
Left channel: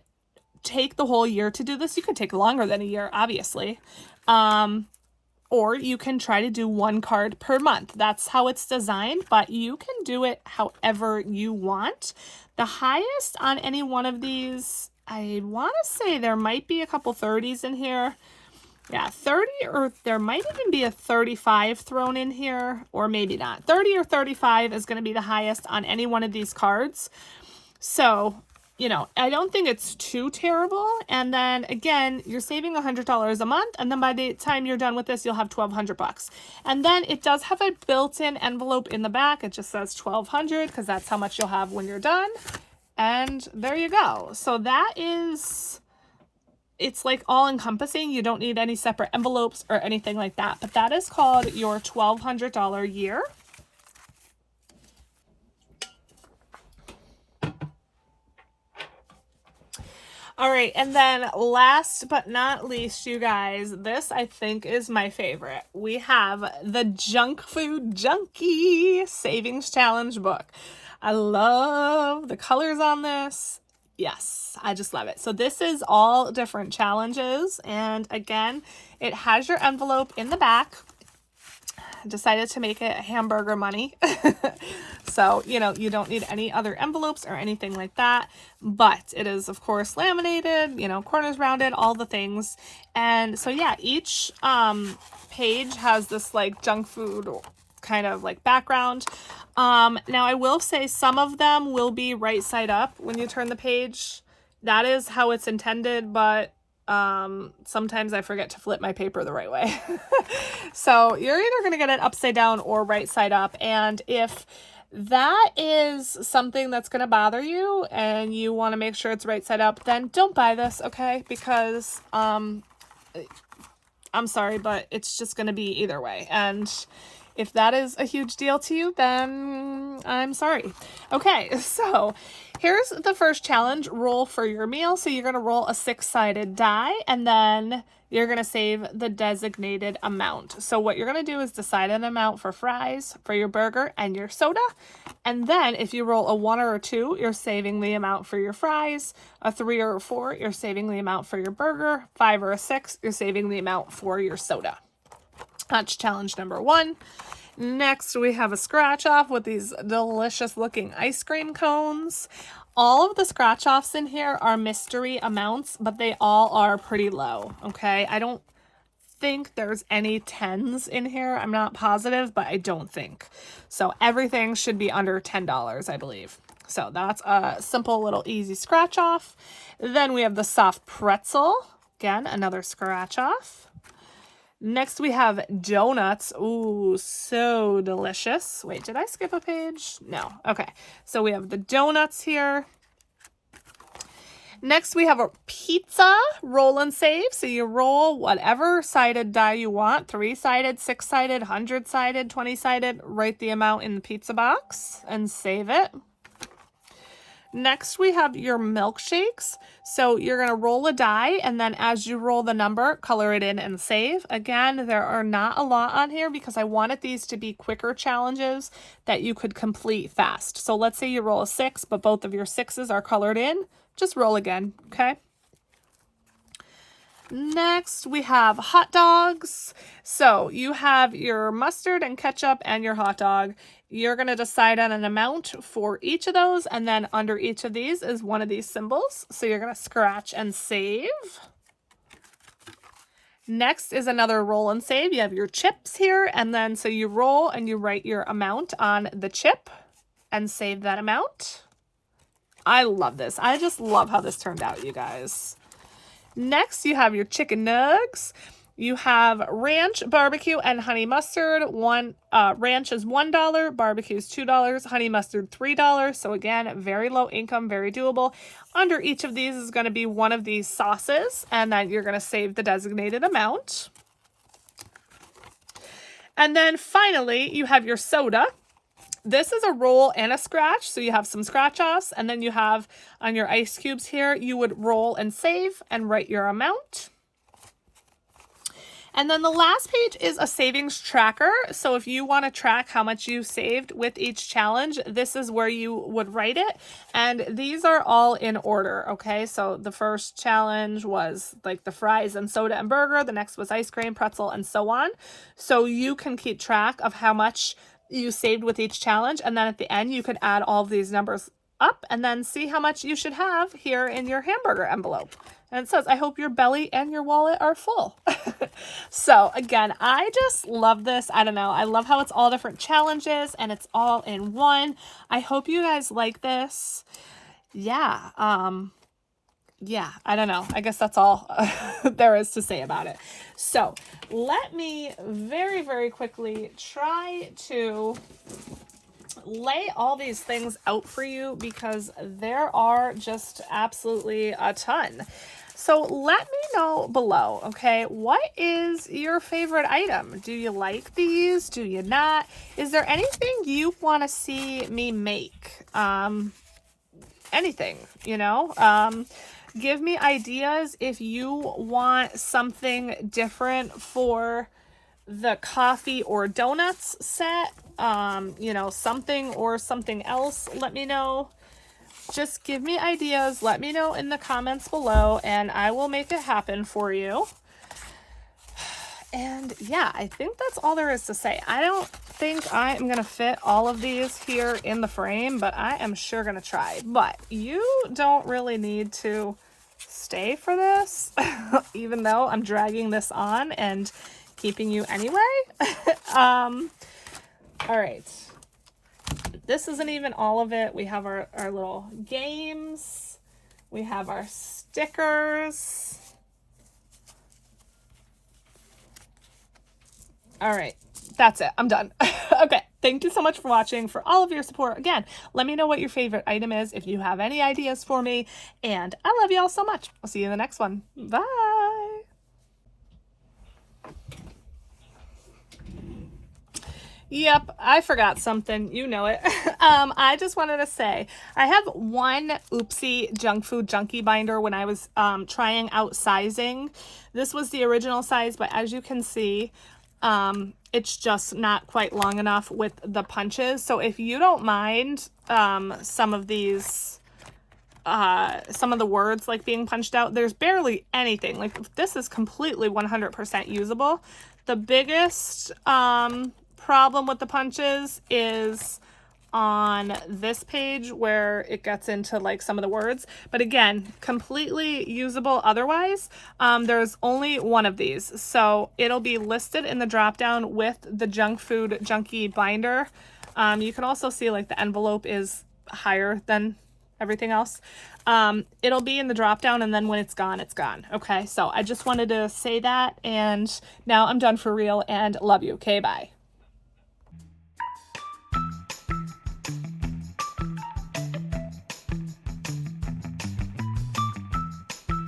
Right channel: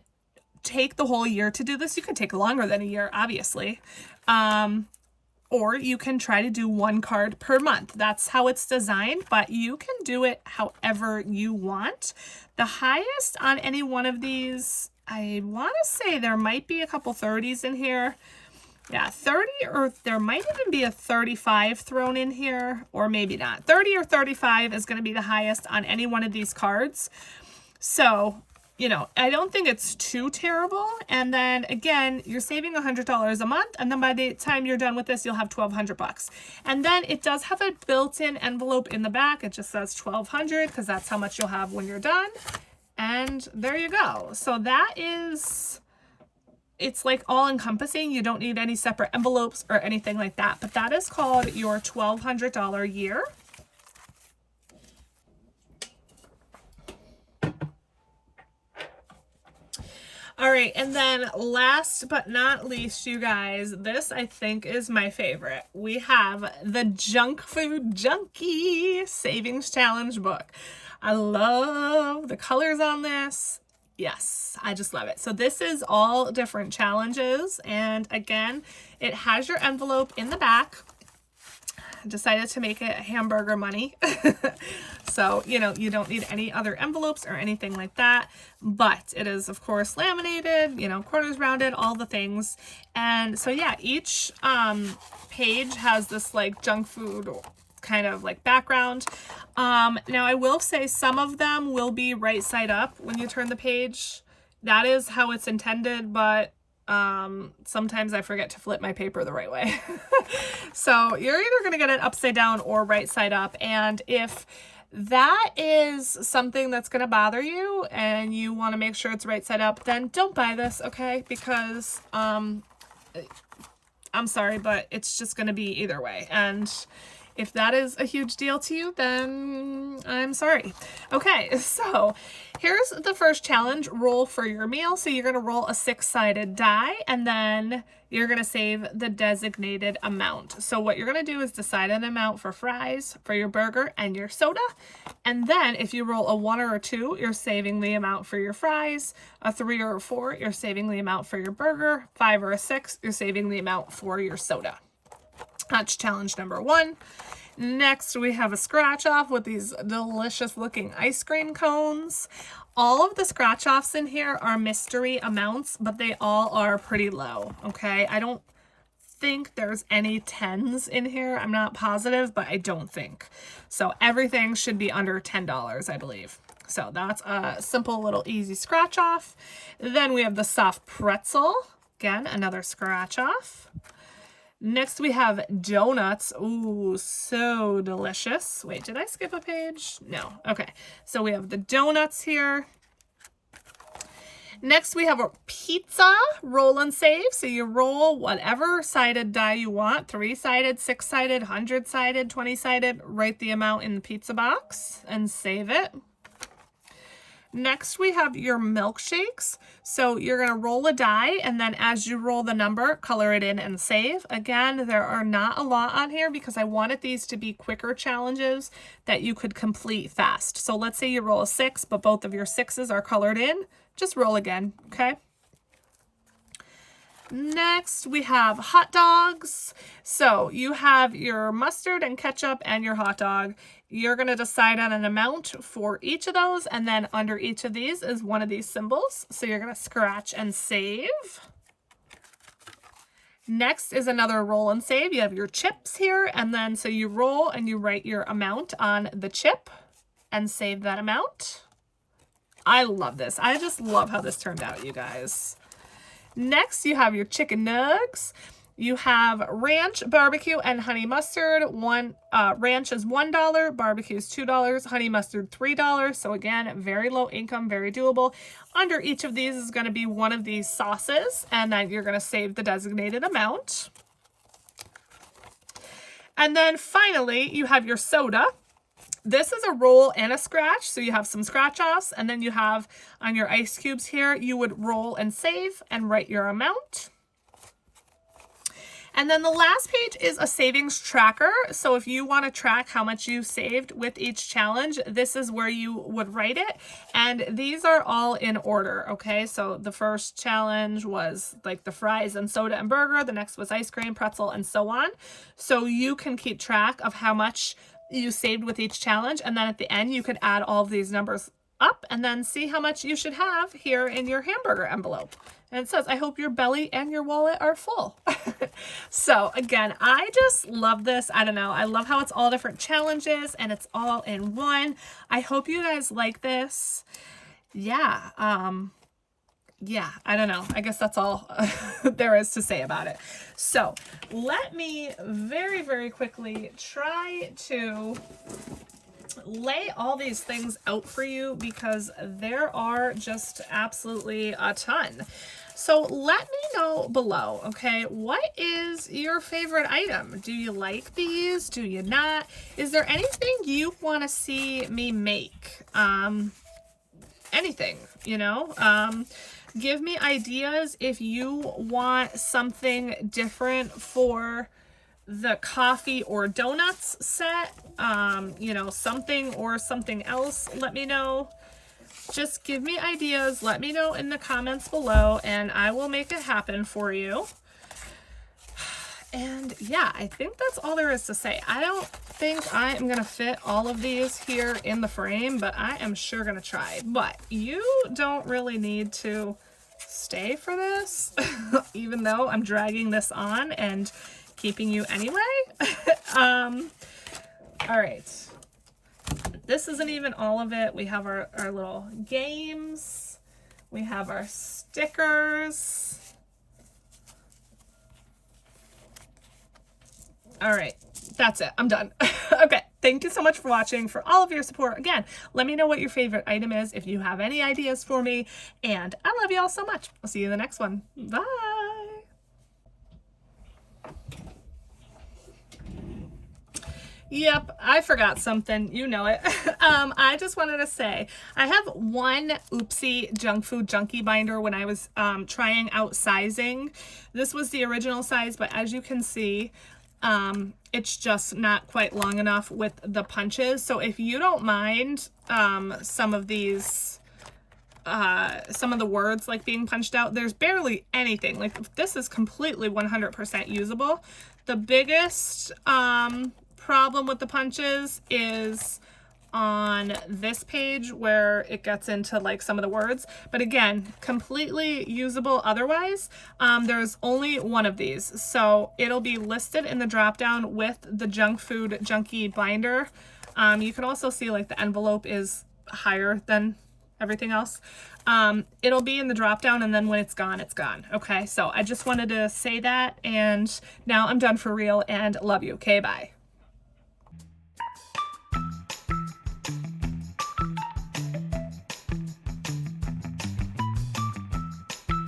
take the whole year to do this. You could take longer than a year, obviously. Or you can try to do one card per month. That's how it's designed, but you can do it however you want. The highest on any one of these, I want to say there might be a couple 30s in here. Yeah, 30, or there might even be a 35 thrown in here, or maybe not. 30 or 35 is going to be the highest on any one of these cards. So, you know, I don't think it's too terrible. And then again, you're saving $100 a month, and then by the time you're done with this, you'll have $1,200. And then it does have a built-in envelope in the back. It just says $1,200 because that's how much you'll have when you're done. And there you go. So that is... it's like all encompassing. You don't need any separate envelopes or anything like that, but that is called your $1,200 year. All right, and then last but not least, you guys, this I think is my favorite. We have the Junk Food Junkie Savings Challenge book. I love the colors on this. Yes, I just love it. So this is all different challenges. And again, it has your envelope in the back. I decided to make it hamburger money. So, you know, you don't need any other envelopes or anything like that. But it is, of course, laminated, you know, corners rounded, all the things. And so, yeah, each page has this like junk food kind of like background. Now I will say some of them will be right side up when you turn the page. That is how it's intended, but sometimes I forget to flip my paper the right way. So you're either going to get it upside down or right side up. And if that is something that's going to bother you and you want to make sure it's right side up, then don't buy this, okay? Because I'm sorry, but it's just going to be either way. And if that is a huge deal to you, then I'm sorry. Okay, so here's the first challenge, roll for your meal. So you're gonna roll a 6-sided die, and then you're gonna save the designated amount. So what you're gonna do is decide an amount for fries, for your burger, and your soda. And then if you roll a 1 or a 2, you're saving the amount for your fries. A 3 or a 4, you're saving the amount for your burger. 5 or a 6, you're saving the amount for your soda. That's challenge number 1. Next, we have a scratch off with these delicious looking ice cream cones. All of the scratch offs in here are mystery amounts, but they all are pretty low. Okay. I don't think there's any 10s in here. I'm not positive, but I don't think. So everything should be under $10, I believe. So that's a simple little easy scratch off. Then we have the soft pretzel. Again, another scratch off. Next, we have donuts. Ooh, so delicious. Wait, did I skip a page? No. Okay. So we have the donuts here. Next, we have a pizza roll and save. So you roll whatever sided die you want. 3-sided, 6-sided, 100-sided, 20-sided. Write the amount in the pizza box and save it. Next, we have your milkshakes. So you're going to roll a die, and then as you roll the number, color it in and save. Again, there are not a lot on here because I wanted these to be quicker challenges that you could complete fast. So let's say you roll a 6, but both of your 6s are colored in. Just roll again, okay? Next, we have hot dogs. So you have your mustard and ketchup and your hot dog. You're going to decide on an amount for each of those, and then under each of these is one of these symbols. So you're going to scratch and save. Next is another roll and save. You have your chips here, and then so you roll and you write your amount on the chip and save that amount. I love this. I just love how this turned out, you guys. Next, you have your chicken nugs. You have ranch, barbecue, and honey mustard. Ranch is $1, barbecue is $2, honey mustard $3. So again, very low income, very doable. Under each of these is going to be one of these sauces, and then you're going to save the designated amount. And then finally, you have your soda. This is a roll and a scratch, so you have some scratch offs, and then you have on your ice cubes here, you would roll and save and write your amount. And then the last page is a savings tracker. So if you want to track how much you saved with each challenge, this is where you would write it. And these are all in order, okay? So the first challenge was like the fries and soda and burger. The next was ice cream, pretzel, and so on. So you can keep track of how much you saved with each challenge. And then at the end, you could add all of these numbers up and then see how much you should have here in your hamburger envelope. And it says, I hope your belly and your wallet are full. So again, I just love this. I don't know. I love how it's all different challenges and it's all in one. I hope you guys like this. Yeah. Yeah, I don't know. I guess that's all there is to say about it. So let me very, very quickly try to lay all these things out for you because there are just absolutely a ton. So let me know below, okay, what is your favorite item? Do you like these? Do you not? Is there anything you want to see me make? Anything, you know? Give me ideas if you want something different for the coffee or donuts set, you know, something or something else. Let me know. Just give me ideas. Let me know in the comments below and I will make it happen for you. And yeah, I think that's all there is to say. I don't think I am going to fit all of these here in the frame, but I am sure going to try. But you don't really need to stay for this, even though I'm dragging this on and keeping you anyway. All right. This isn't even all of it. We have our little games. We have our stickers. All right, that's it. I'm done. Okay, thank you so much for watching, for all of your support. Again, let me know what your favorite item is if you have any ideas for me. And I love you all so much. I'll see you in the next one. Bye. Yep, I forgot something. You know it. I just wanted to say, I have one oopsie junk food junkie binder when I was trying out sizing. This was the original size, but as you can see, it's just not quite long enough with the punches. So if you don't mind some of these, some of the words like being punched out, there's barely anything. Like this is completely 100% usable. The biggest problem with the punches is on this page where it gets into like some of the words, but again, completely usable otherwise. There's only one of these, so it'll be listed in the drop down with the junk food junkie binder. You can also see like the envelope is higher than everything else. It'll be in the drop down, and then when it's gone, it's gone. Okay, so I just wanted to say that, and now I'm done for real and love you. Okay, bye.